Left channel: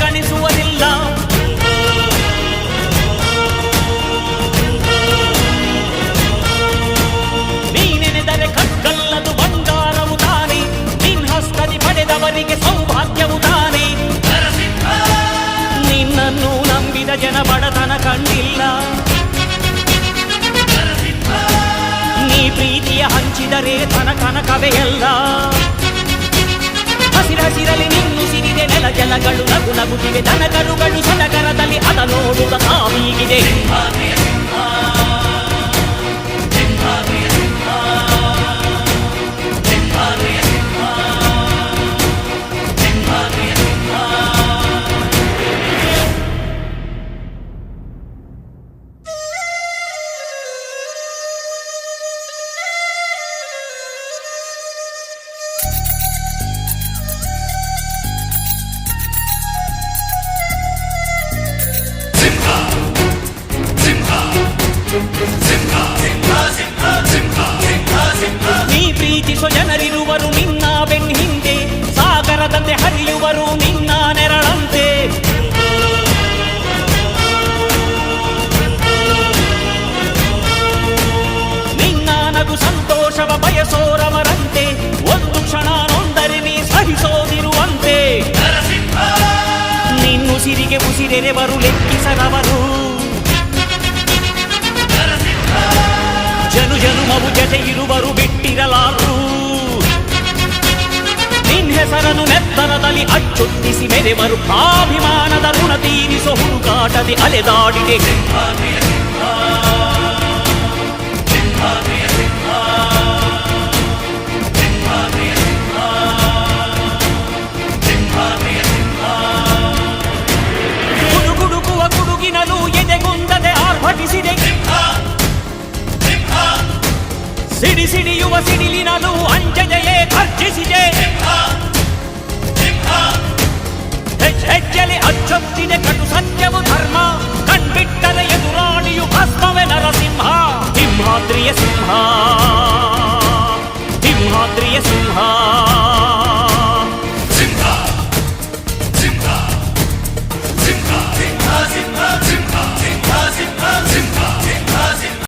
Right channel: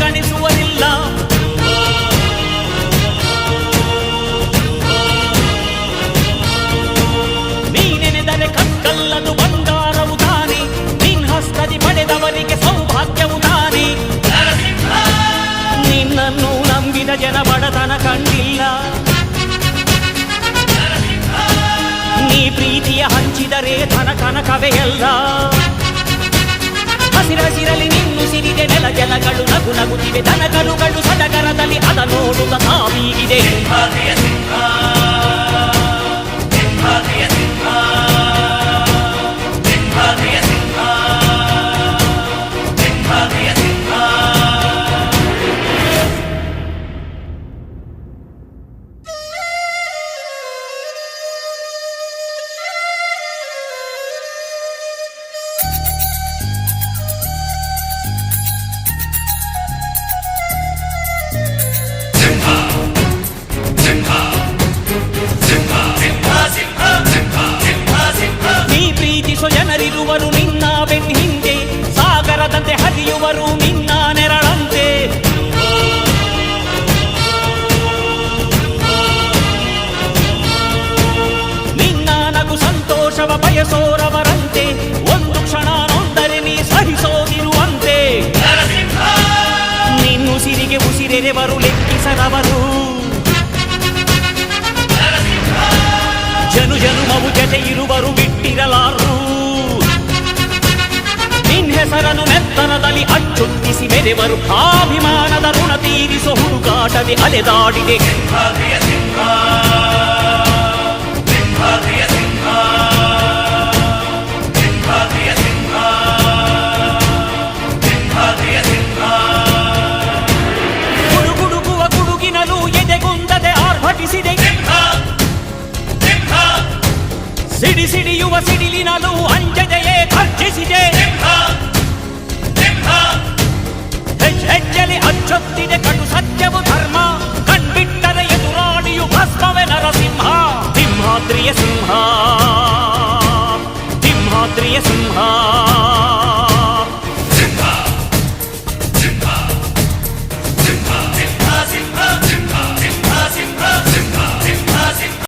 ಗಣಿಸುವರಿಲ್ಲ. ನೀನೆನೆದರೆ ಕಗ್ಗಲ್ಲದು ಬಂಗಾರವು ತಾನೆ, ನಿನ್ ಹಸ್ತದಿ ಪಡೆದವರಿಗೆ ಸೌಭಾಗ್ಯವು ತಾನೆ. ನಿನ್ನನ್ನು ನಂಬಿದ ಜನ ಬಡತನ ಕಂಡಿಲ್ಲ. ನೀ ಪ್ರೀತಿಯ ಹಂಚಿದರೆ ಧನ ಕನಕವೇ ಎಲ್ಲ. ಹಸಿರಸಿರಲಿ ನಿನ್ನು ಸಿರಿದೆ ನೆಲ ಜಲಗಳು ನಗು ನಗುತ್ತಿವೆ, ದನಕರುಗಳು ಸಡಗರದಲ್ಲಿ ಅದ ನೋಡುತ್ತ ತಾವೀಗಿದೆ. ಪ್ರೀತಿಸೋ ಜನರಿರುವರು ನಿನ್ನ ಬೆನ್ ಹಿಂದೆ, ಸಾಗರದಂತೆ ಹರಿಯುವರು ನಿನ್ನ ನೆರಳಂತೆ. ನಿನ್ನ ನಗು ಸಂತೋಷವ ಬಯಸೋರವರಂತೆ, ಒಂದು ಕ್ಷಣ ನೊಂದರೆ ನೀ ಸಹಿಸೋದಿರುವಂತೆ. ನಿನ್ನುಸಿರಿಗೆ ಉಸಿರೆರೆವರು ಲೆಕ್ಕಿಸದವರು, ಜನು ಜನುಮವು ಜತೆ ಇರುವರು ಬಿಟ್ಟಿರಲಾರು. ನಿನ್ ಹೆಸರನ್ನು ನೆತ್ತರದಲ್ಲಿ ಅಚ್ಚೊತ್ತಿಸಿ ಮೆರೆವರು, ಅಭಿಮಾನದ ಋಣ ತೀರಿಸೋ ಹುಡುಕಾಟದೆ ಅಲೆದಾಡಿದೆ. ಗುಡುಗುಡುಗುವ ಗುಡುಗಿನಲು ಎದೆಗುಂದದೆ ಆರ್ಭಟಿಸಿದೆ, ಸಿಡಿ ಸಿಡಿಯುವ ಸಿಡಿಲಿನಲು ಅಂಜದೆಯೇ ಖರ್ಜಿಸಿದೆ. ಹೆಜ್ಜೆಲಿ ಅಚ್ಚೊತ್ತಿದೆ ಕಟು ಸತ್ಯವು ಧರ್ಮ, ಕಣ್ಬಿಟ್ಟರೆ ಎದುರಾಳಿಯು ಭಸ್ಮವೇ ನರಸಿಂಹ. ಸಿಂಹಾದ್ರಿಯ ಸಿಂಹ, ಸಿಂಹಾದ್ರಿಯ ಸಿಂಹ.